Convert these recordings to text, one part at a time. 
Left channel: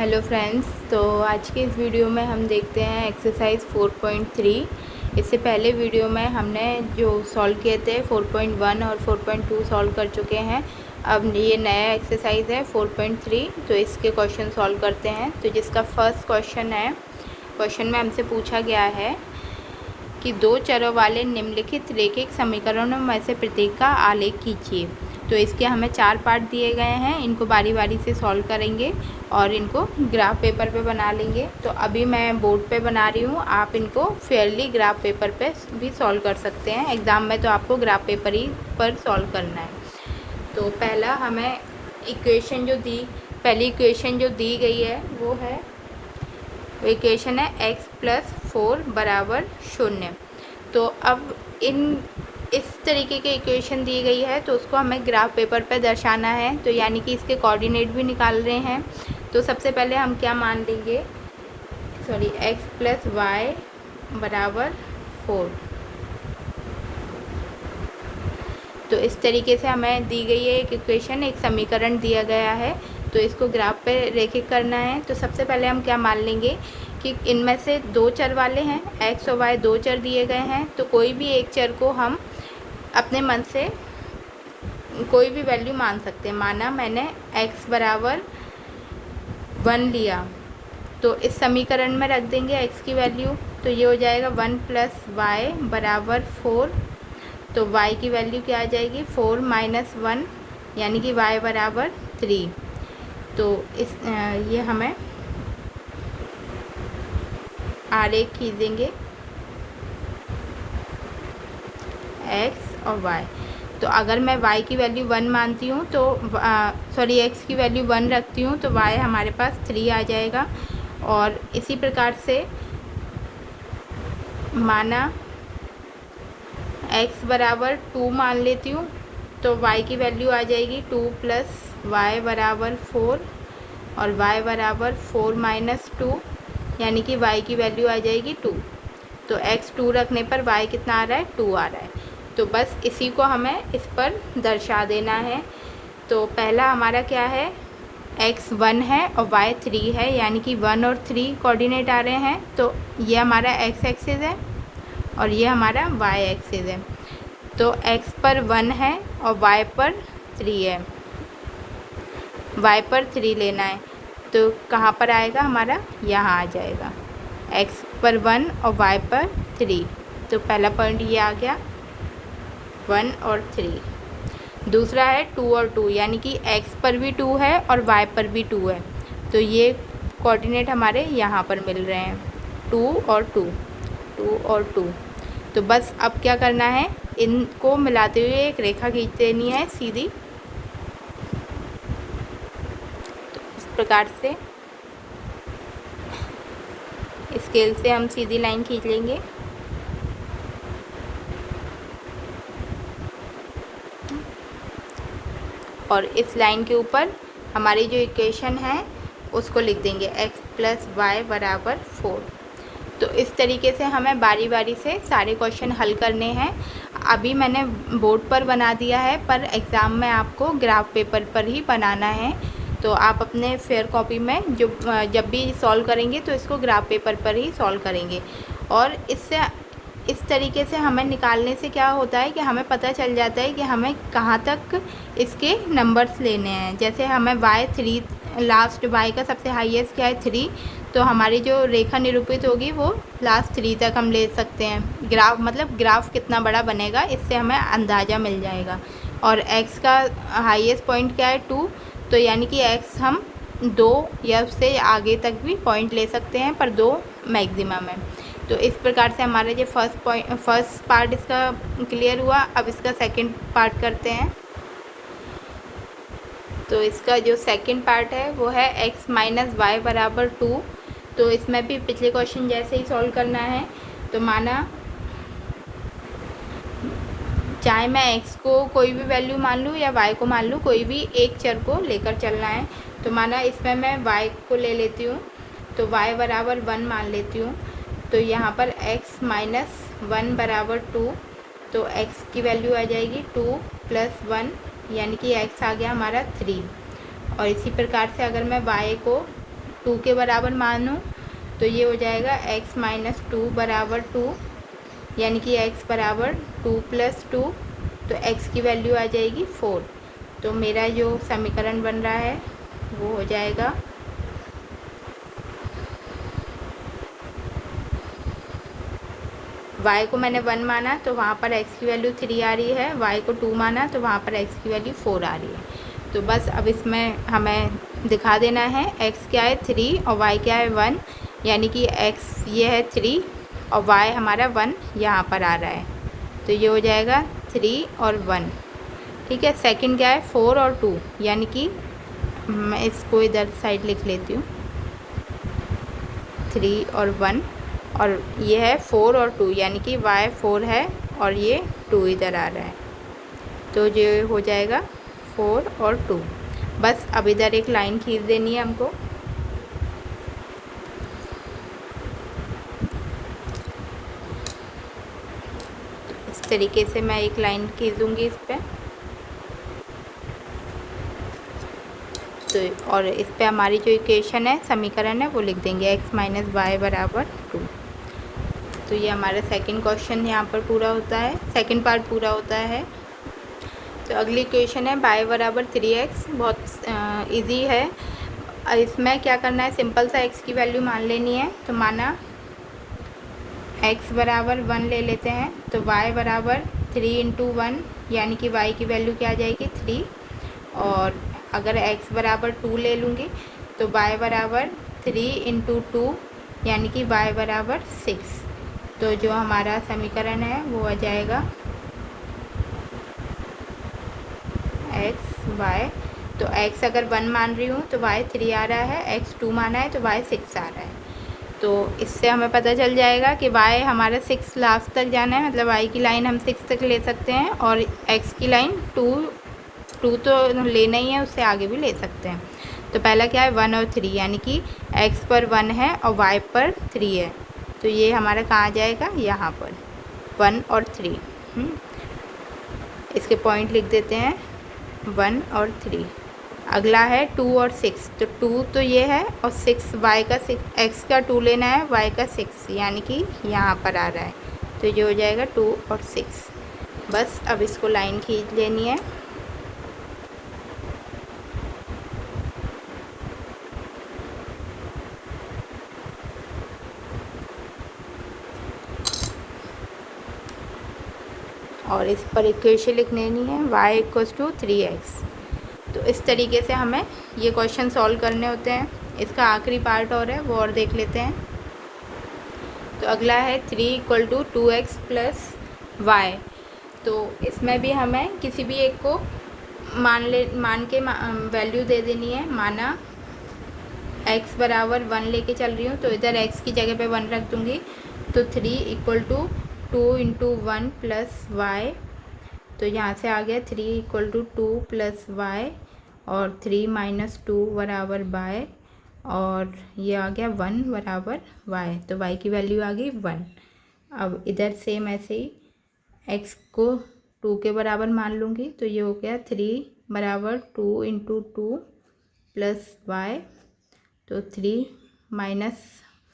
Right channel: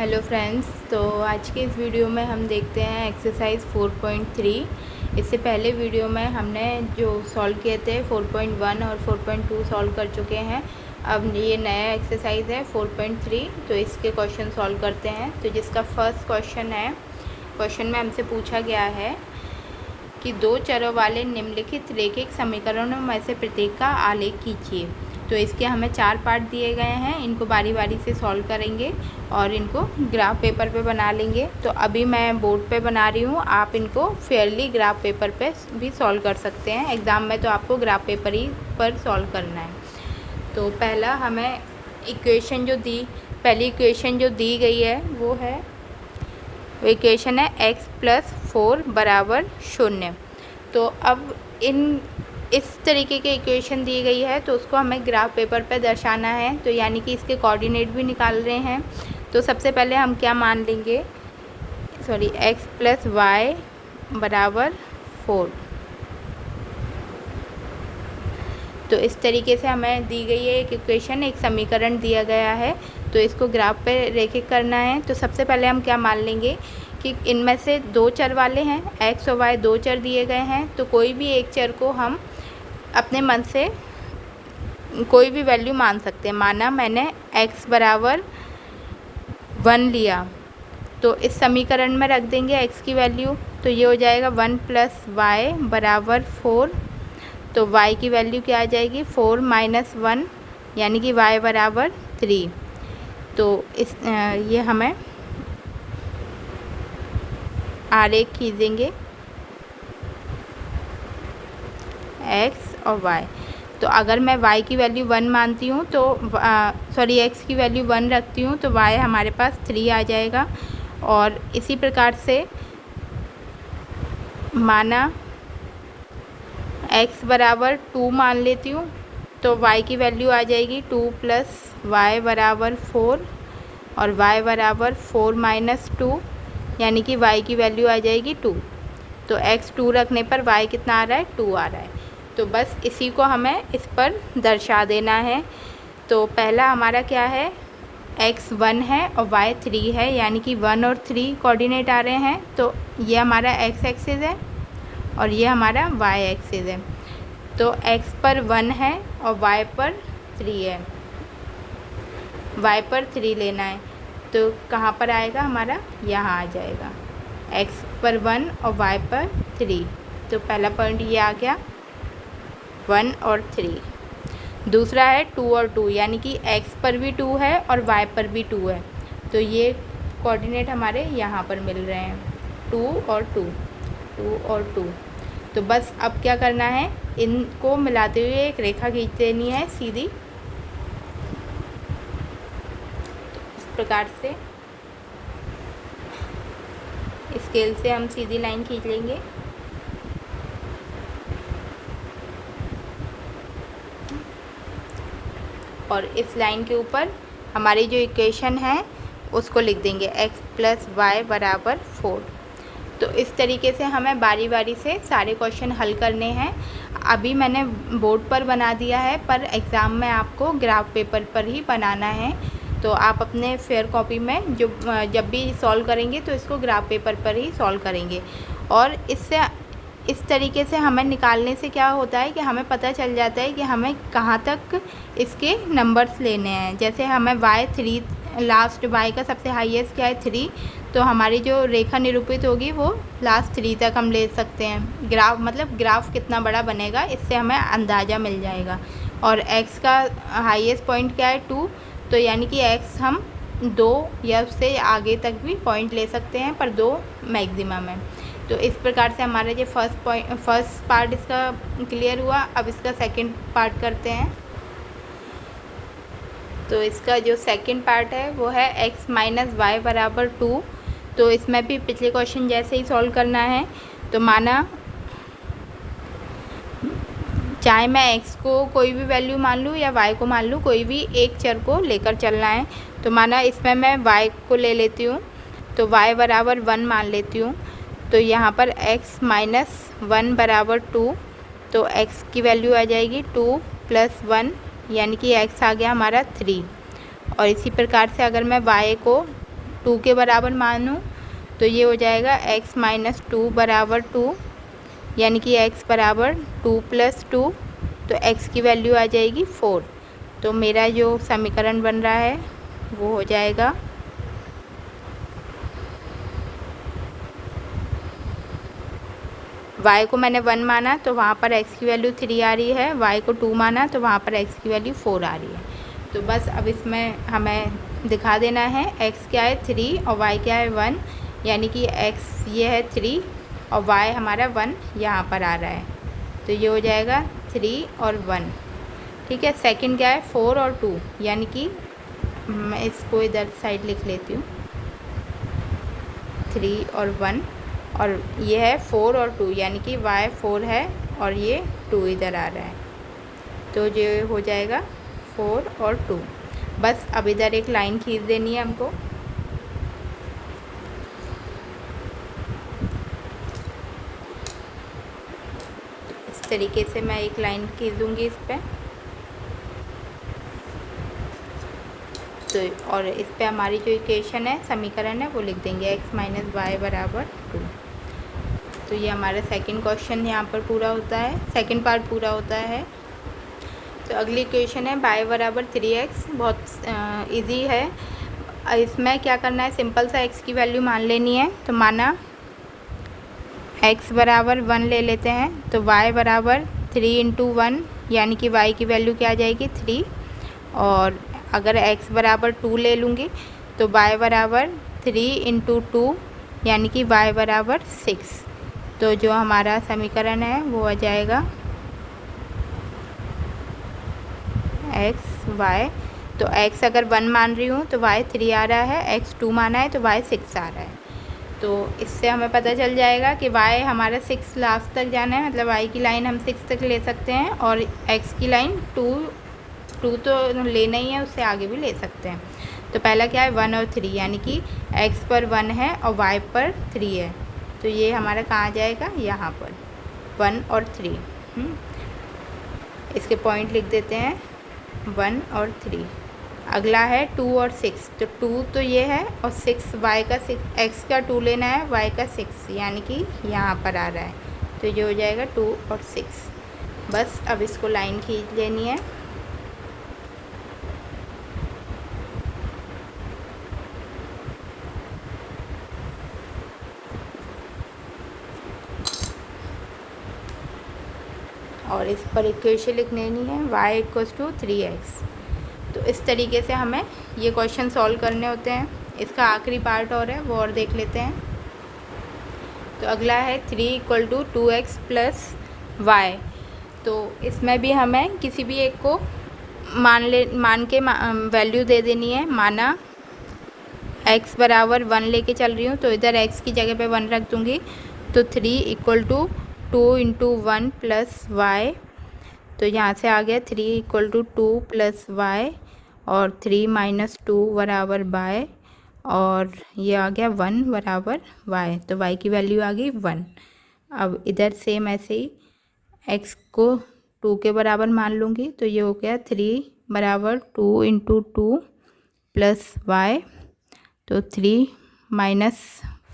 Hello friends, तो आज के इस वीडियो में हम देखते हैं एक्सरसाइज 4.3। इससे पहले वीडियो में हमने जो सॉल्व किए थे 4.1 और 4.2 सॉल्व कर चुके हैं। अब ये नया एक्सरसाइज है 4.3, तो इसके क्वेश्चन सॉल्व करते हैं। तो जिसका फर्स्ट क्वेश्चन है, क्वेश्चन में हमसे पूछा गया है कि दो चरों वाले निम्नलिखित रैखिक समीकरणों में से प्रत्येक का आलेख कीजिए। तो इसके हमें 4 पार्ट दिए गए हैं, इनको बारी बारी से सॉल्व करेंगे और इनको ग्राफ पेपर पे बना लेंगे। तो अभी मैं बोर्ड पे बना रही हूँ, आप इनको फेयरली ग्राफ पेपर पे भी सॉल्व कर सकते हैं। एग्ज़ाम में तो आपको ग्राफ पेपर ही पर सॉल्व करना है। तो पहला हमें पहली इक्वेशन जो दी गई है वो इक्वेशन है x+4 बराबर 0। तो अब इस तरीके की इक्वेशन दी गई है, तो उसको हमें ग्राफ पेपर पर दर्शाना है। तो यानी कि इसके कोऑर्डिनेट भी निकाल रहे हैं। तो सबसे पहले हम क्या मान लेंगे, x+y बराबर 4। तो इस तरीके से हमें दी गई है एक इक्वेशन, एक समीकरण दिया गया है। तो इसको ग्राफ पे रेखित करना है। तो सबसे पहले हम क्या मान लेंगे कि इनमें से दो चर वाले हैं, x और y दो चर दिए गए हैं। तो कोई भी एक चर को हम अपने मन से कोई भी वैल्यू मान सकते हैं। माना मैंने x बराबर 1 लिया, तो इस समीकरण में रख देंगे x की वैल्यू। तो ये हो जाएगा 1 + y बराबर 4। तो y की वैल्यू क्या आ जाएगी, 4 - 1, यानी कि y बराबर 3। तो ये हमें आरेख खींचेंगे x और y। तो अगर मैं y की वैल्यू 1 मानती हूँ तो x की वैल्यू 1 रखती हूँ, तो y हमारे पास 3 आ जाएगा। और इसी प्रकार से माना x बराबर 2 मान लेती हूँ, तो y की वैल्यू आ जाएगी 2 + y बराबर 4 और y बराबर 4 - 2, यानी कि y की वैल्यू आ जाएगी 2। तो x 2 रखने पर y कितना आ रहा है, 2 आ रहा है। तो बस इसी को हमें इस पर दर्शा देना है। तो पहला हमारा क्या है, x 1 है और y 3 है, यानी कि 1 और 3 कोऑर्डिनेट आ रहे हैं। तो ये हमारा x एक्सिस है और ये हमारा y एक्सिस है। तो x पर 1 है और y पर 3 है। y पर 3 लेना है, तो कहाँ पर आएगा हमारा, यहाँ आ जाएगा, x पर 1 और y पर 3। तो पहला पॉइंट ये आ गया, 1 और 3। दूसरा है 2 और 2, यानी कि x पर भी 2 है और y पर भी 2 है। तो ये कोऑर्डिनेट हमारे यहाँ पर मिल रहे हैं, 2 और 2, 2 और 2। तो बस अब क्या करना है, इनको मिलाते हुए एक रेखा खींच देनी है सीधी। तो इस प्रकार से स्केल से हम सीधी लाइन खींच लेंगे। और इस लाइन के ऊपर हमारी जो इक्वेशन है उसको लिख देंगे x + y बराबर 4। तो इस तरीके से हमें बारी बारी से सारे क्वेश्चन हल करने हैं। अभी मैंने बोर्ड पर बना दिया है, पर एग्ज़ाम में आपको ग्राफ पेपर पर ही बनाना है। तो आप अपने फेयर कॉपी में जब भी सॉल्व करेंगे तो इसको ग्राफ पेपर पर ही सॉल्व करेंगे। और इस तरीके से हमें निकालने से क्या होता है कि हमें पता चल जाता है कि हमें कहाँ तक इसके नंबर्स लेने हैं। जैसे हमें y3, लास्ट y का सबसे हाईएस्ट क्या है, 3। तो हमारी जो रेखा निरूपित होगी वो लास्ट 3 तक हम ले सकते हैं। ग्राफ कितना बड़ा बनेगा, इससे हमें अंदाज़ा मिल जाएगा। और x का हाईएस्ट पॉइंट क्या है, 2। तो यानी कि x हम 2 या उससे आगे तक भी पॉइंट ले सकते हैं, पर 2 मैक्सिमम है। तो इस प्रकार से हमारा ये फर्स्ट पार्ट इसका क्लियर हुआ। अब इसका सेकंड पार्ट करते हैं। तो इसका जो सेकंड पार्ट है वो है x - y बराबर 2। तो इसमें भी पिछले क्वेश्चन जैसे ही सॉल्व करना है। तो माना चाहे मैं x को कोई भी वैल्यू मान लूँ या y को मान लूँ, कोई भी एक चर को लेकर चलना है। तो माना इसमें मैं y को ले लेती हूँ, तो y बराबर 1 मान लेती हूँ। तो यहाँ पर x - 1 बराबर 2। तो x की वैल्यू आ जाएगी 2 + 1, यानी कि x आ गया हमारा 3। और इसी प्रकार से अगर मैं y को 2 के बराबर मानूँ तो ये हो जाएगा x माइनस 2 बराबर 2, यानी कि x बराबर 2 प्लस 2, तो x की वैल्यू आ जाएगी 4। तो मेरा जो समीकरण बन रहा है वो हो जाएगा y को मैंने 1 माना तो वहाँ पर x की वैल्यू 3 आ रही है, y को 2 माना तो वहाँ पर x की वैल्यू 4 आ रही है। तो बस अब इसमें हमें दिखा देना है x क्या है 3 और y क्या है 1, यानी कि x ये है 3 और y हमारा 1 यहाँ पर आ रहा है, तो ये हो जाएगा 3 और 1। ठीक है, सेकंड क्या है 4 और 2, यानी कि मैं इसको इधर साइड लिख लेती हूँ 3 और 1, और ये है 4 और 2, यानी कि y 4 है और ये 2 इधर आ रहा है, तो ये हो जाएगा 4 और 2। बस अब इधर एक लाइन खींच देनी है हमको। इस तरीके से मैं एक लाइन खींच दूँगी इस पर, तो और इस पे हमारी जो इक्वेशन है, समीकरण है, वो लिख देंगे x माइनस वाई बराबर 2। तो ये हमारा सेकंड क्वेश्चन यहाँ पर पूरा होता है, सेकंड पार्ट पूरा होता है। तो अगली इक्वेशन है y बराबर 3x, बहुत इजी है। इसमें क्या करना है, सिंपल सा x की वैल्यू मान लेनी है। तो माना x बराबर 1 ले लेते हैं, तो y बराबर 3 इंटू 1, यानी कि y की वैल्यू क्या आ जाएगी 3, और अगर x बराबर 2 ले लूँगी तो y बराबर 3 इंटू 2, यानी कि y बराबर 6। तो जो हमारा समीकरण है वो आ जाएगा x y, तो x अगर 1 मान रही हूँ तो y 3 आ रहा है, x 2 माना है तो y 6 आ रहा है। तो इससे हमें पता चल जाएगा कि y हमारा 6 लास्ट तक जाना है, मतलब y की लाइन हम 6 तक ले सकते हैं, और x की लाइन 2 तो लेना ही है, उससे आगे भी ले सकते हैं। तो पहला क्या है 1 और 3, यानी कि x पर 1 है और y पर 3 है, तो ये हमारा कहाँ आ जाएगा, यहाँ पर 1 और 3। इसके पॉइंट लिख देते हैं 1 और 3। अगला है 2 और 6, तो 2 तो ये है और 6 y का 6, x का 2 लेना है, y का 6, यानी कि यहाँ पर आ रहा है, तो ये हो जाएगा 2 और 6। बस अब इसको लाइन खींच लेनी है। और इस पर इक्वेशन लिख लेनी है y इक्वल्स टू 3x। तो इस तरीके से हमें ये क्वेश्चन सॉल्व करने होते हैं। इसका आखिरी पार्ट और है, वो और देख लेते हैं। तो अगला है 3 equal to 2x plus Y. तो इसमें भी हमें किसी भी एक को मान के वैल्यू दे देनी है। माना x बराबर 1 लेके चल रही हूँ, तो इधर x की जगह पे 1 रख दूँगी, तो 3 equal to 2 into 1 plus Y. तो यहाँ से आ गया 3 इक्वल टू 2 प्लस वाई, और 3 माइनस 2 बराबर वाई, और ये आ गया 1 बराबर वाई। तो वाई की वैल्यू आ गई 1। अब इधर सेम ऐसे ही x को 2 के बराबर मान लूँगी, तो ये हो गया 3 बराबर 2 इंटू 2 प्लस वाई, तो 3 माइनस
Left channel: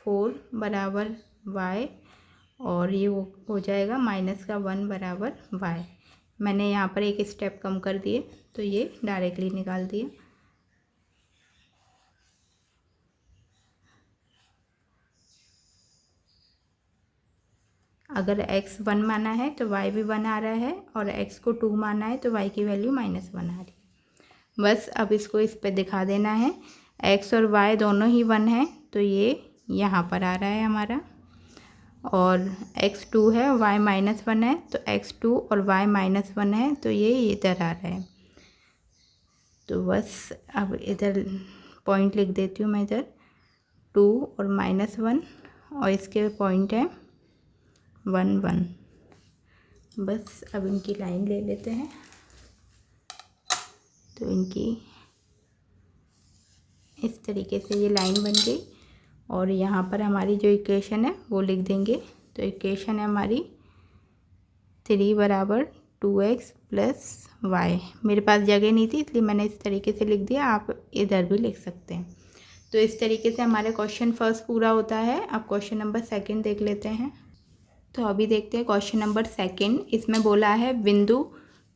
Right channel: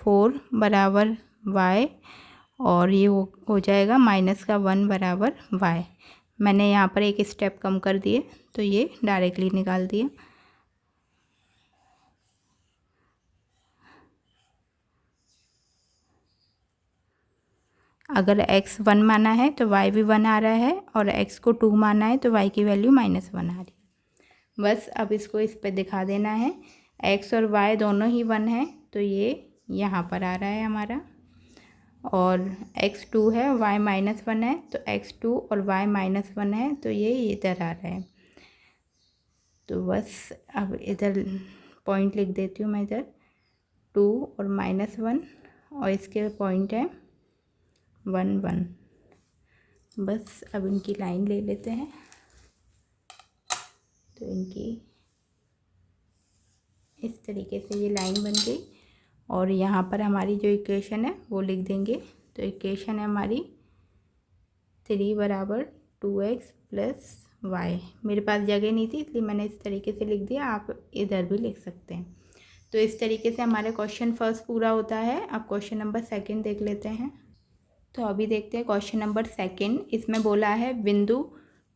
4 बराबर y, और ये हो जाएगा माइनस का 1 बराबर y। मैंने यहाँ पर एक स्टेप कम कर दिए, तो ये डायरेक्टली निकाल दिए। अगर x 1 माना है तो y भी 1 आ रहा है, और x को 2 माना है तो y की वैल्यू माइनस 1 आ रही है। बस अब इसको इस पर दिखा देना है। x और y दोनों ही 1 है, तो ये यहाँ पर आ रहा है हमारा, और x 2 है, y माइनस 1 है, तो x 2 और y माइनस 1 है, तो ये इधर आ रहा है। तो बस अब इधर पॉइंट लिख देती हूँ मैं, इधर 2 और माइनस 1, और इसके पॉइंट है 1 1। बस अब इनकी लाइन ले लेते हैं। तो इनकी इस तरीके से ये लाइन बन गई, और यहाँ पर हमारी जो इक्वेशन है वो लिख देंगे। तो इक्वेशन है हमारी 3 बराबर 2x प्लस वाई। मेरे पास जगह नहीं थी, इसलिए मैंने इस तरीके से लिख दिया, आप इधर भी लिख सकते हैं। तो इस तरीके से हमारा क्वेश्चन फर्स्ट पूरा होता है। अब क्वेश्चन नंबर सेकंड देख लेते हैं। तो अभी देखते हैं क्वेश्चन नंबर सेकंड। इसमें बोला है बिंदु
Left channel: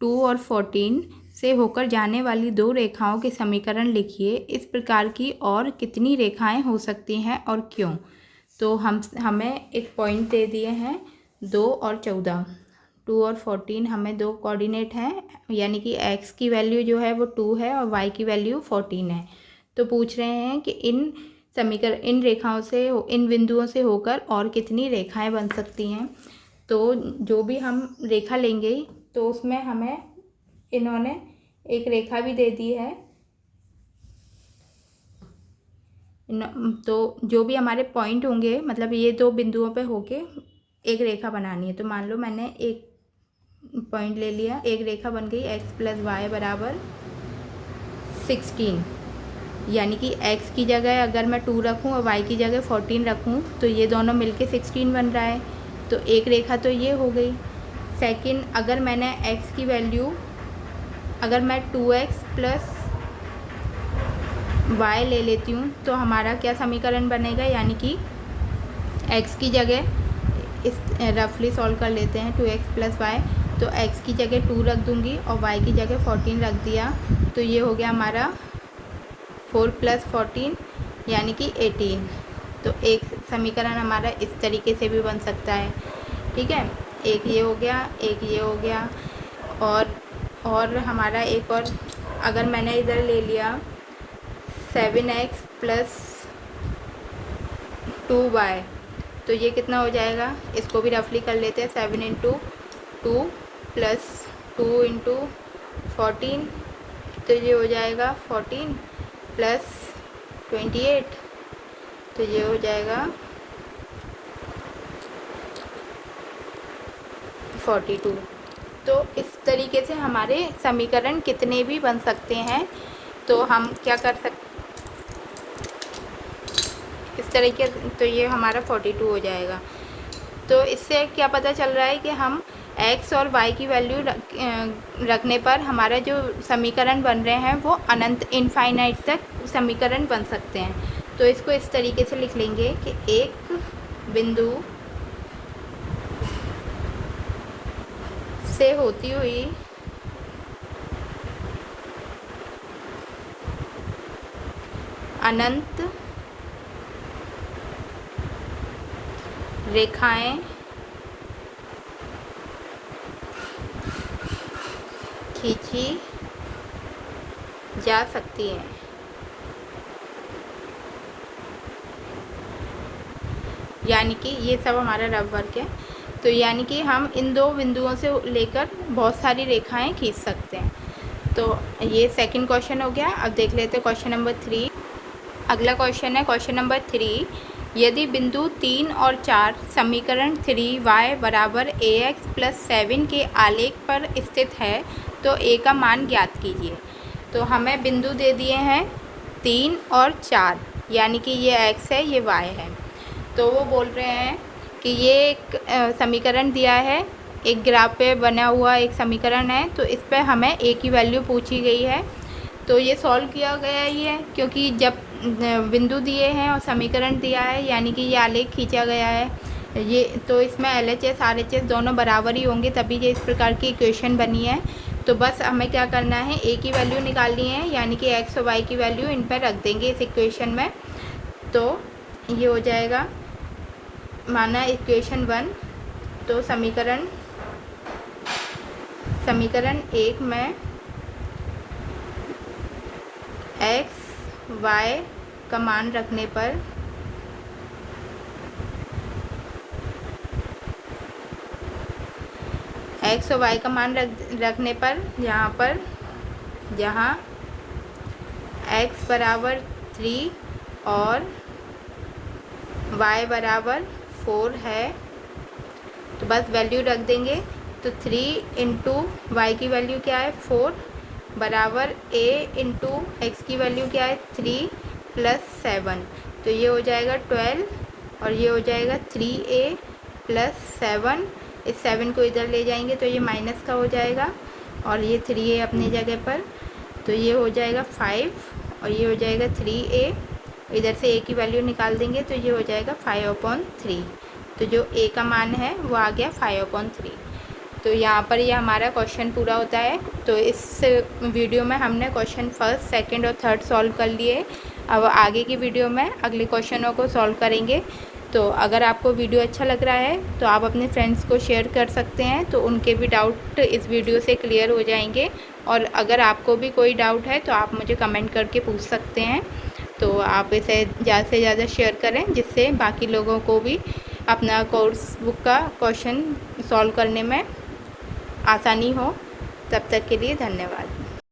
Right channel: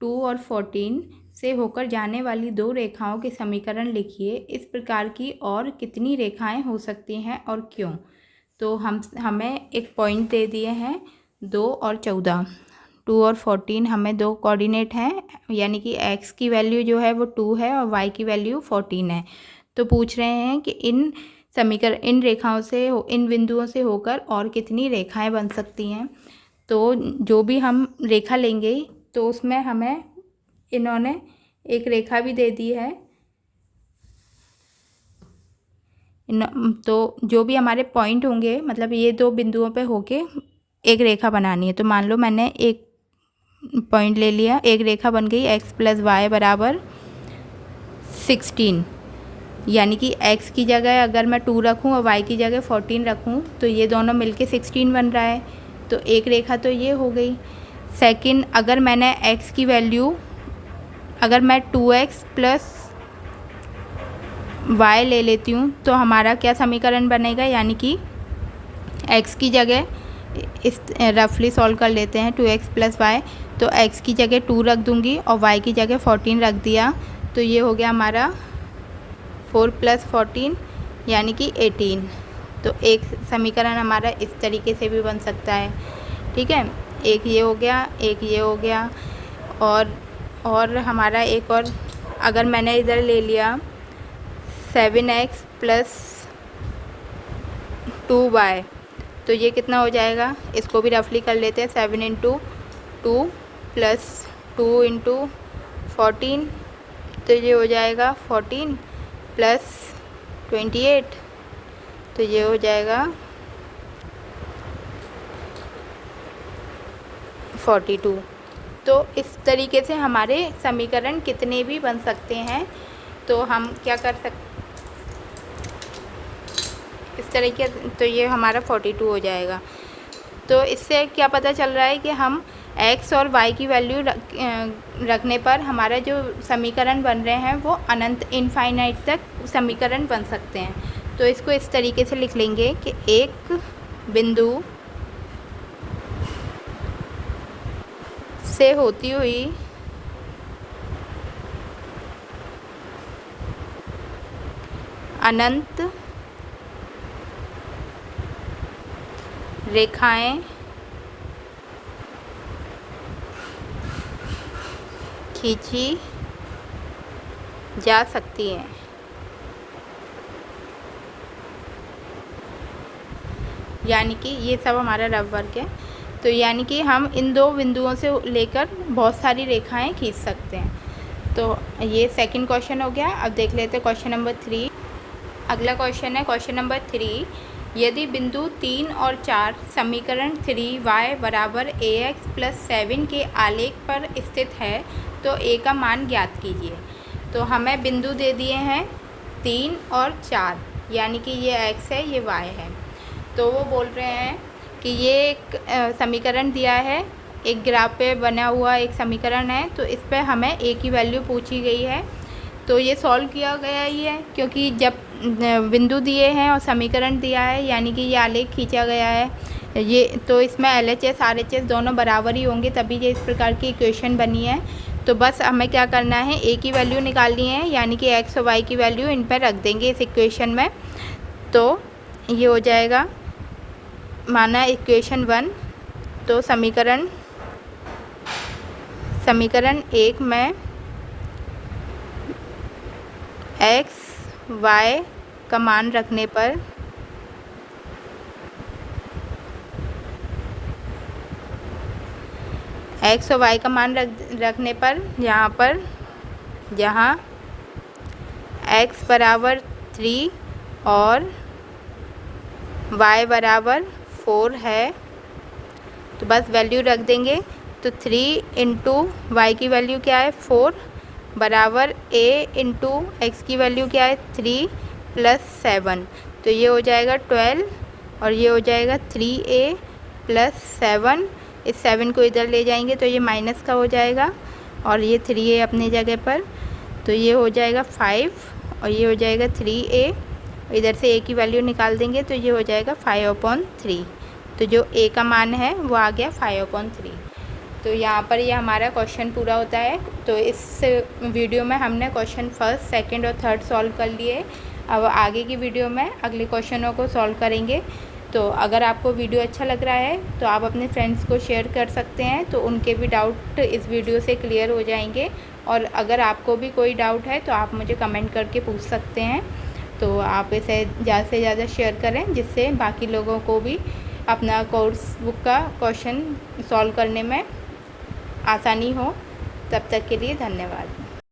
2 और 14 से होकर जाने वाली दो रेखाओं के समीकरण लिखिए। इस प्रकार की और कितनी रेखाएं हो सकती हैं और क्यों। तो हमें एक पॉइंट दे दिए हैं 2 और 14। 2 और 14 हमें दो कोऑर्डिनेट हैं, यानी कि x की वैल्यू जो है वो 2 है और y की वैल्यू 14 है। तो पूछ रहे हैं कि इन रेखाओं से, इन बिंदुओं से होकर और कितनी रेखाएं बन सकती हैं। तो जो भी हम रेखा लेंगे तो उसमें हमें इन्होंने एक रेखा भी दे दी है। तो जो भी हमारे पॉइंट होंगे, मतलब ये दो बिंदुओं पे होके एक रेखा बनानी है। तो मान लो मैंने एक पॉइंट ले लिया, एक रेखा बन गई x + y = 16, यानी कि x की जगह अगर मैं 2 रखूं और y की जगह 14 रखूं तो ये दोनों मिलके 16 बन रहा है। तो एक रेखा तो ये हो गई। सेकंड, अगर मैंने x की वैल्यू, अगर मैं 2x + y ले लेती हूँ तो हमारा क्या समीकरण बनेगा, यानी कि x की जगह, इस रफली सॉल्व कर लेते हैं, 2x + y, तो x की जगह 2 रख दूँगी और y की जगह 14 रख दिया। तो ये हो गया हमारा 4 + 14 यानी कि 18। तो एक समीकरण हमारा इस तरीके से भी बन सकता है। ठीक है, एक ये हो गया, एक ये हो गया। और हमारा एक और, अगर मैंने इधर ले लिया 7x + 2y, तो ये कितना हो जाएगा, इसको भी रफली कर लेते हैं। 7 × 2 + 2 × 14, तो ये हो जाएगा 14 + 28, तो ये हो जाएगा 42। तो इस तरीके से हमारे समीकरण कितने भी बन सकते हैं। तो हम क्या कर सकते, इस तरीके, तो ये हमारा 42 हो जाएगा। तो इससे क्या पता चल रहा है कि हम x और y की वैल्यू रखने पर हमारा जो समीकरण बन रहे हैं वो अनंत, इनफाइनाइट तक समीकरण बन सकते हैं। तो इसको इस तरीके से लिख लेंगे कि एक बिंदु से होती हुई अनंत रेखाएं खींची जा सकती हैं। यानी कि ये सब हमारा रफ वर्क है। तो यानी कि हम इन दो बिंदुओं से लेकर बहुत सारी रेखाएं खींच सकते हैं। तो ये सेकंड क्वेश्चन हो गया। अब देख लेते हैं क्वेश्चन नंबर 3। अगला क्वेश्चन है क्वेश्चन नंबर 3। यदि बिंदु 3 और 4 समीकरण 3y = ax + 7 के आलेख पर स्थित है तो a का मान ज्ञात कीजिए। तो हमें बिंदु दे दिए हैं 3 और 4, यानी कि ये x है, ये y है। तो वो बोल रहे हैं कि ये एक समीकरण दिया है, एक ग्राफ पे बना हुआ एक समीकरण है। तो इस पर हमें a की वैल्यू पूछी गई है। तो ये सॉल्व किया गया ही है, क्योंकि जब बिंदु दिए हैं और समीकरण दिया है, यानी कि ये आलेख खींचा गया है ये, तो इसमें LHS RHS दोनों बराबर ही होंगे, तभी ये इस प्रकार की इक्वेशन बनी है। तो बस हमें क्या करना है, a की वैल्यू निकालनी है, यानी कि x और y की वैल्यू इन पर रख देंगे इस इक्वेशन में। तो ये हो जाएगा, माना इक्वेशन 1। तो समीकरण 1 में x y का मान रखने पर x और y का मान रखने पर जहाँ x = 3 और y = 4 है, तो बस वैल्यू रख देंगे। तो 3 × y की वैल्यू क्या है, 4 बराबर a × x की वैल्यू क्या है, 3 + 7। तो ये हो जाएगा 12 और ये हो जाएगा 3a + 7। इस 7 को इधर ले जाएंगे तो ये माइनस का हो जाएगा और ये 3a अपनी जगह पर। तो ये हो जाएगा 5 और ये हो जाएगा 3a इधर से ए की वैल्यू निकाल देंगे तो ये हो जाएगा 5/3। तो जो ए का मान है वो आ गया 5/3। तो यहाँ पर ये हमारा क्वेश्चन पूरा होता है। तो इस वीडियो में हमने क्वेश्चन फर्स्ट, सेकंड और थर्ड सॉल्व कर लिए। अब आगे की वीडियो में अगले क्वेश्चनों को सॉल्व करेंगे। तो अगर आपको वीडियो अच्छा लग रहा है तो आप अपने फ्रेंड्स को शेयर कर सकते हैं, तो उनके भी डाउट इस वीडियो से क्लियर हो जाएंगे। और अगर आपको भी कोई डाउट है तो आप मुझे कमेंट करके पूछ सकते हैं। तो आप इसे ज़्यादा से ज़्यादा शेयर करें, जिससे बाकी लोगों को भी अपना कोर्स बुक का क्वेश्चन सॉल्व करने में आसानी हो। तब तक के लिए धन्यवाद।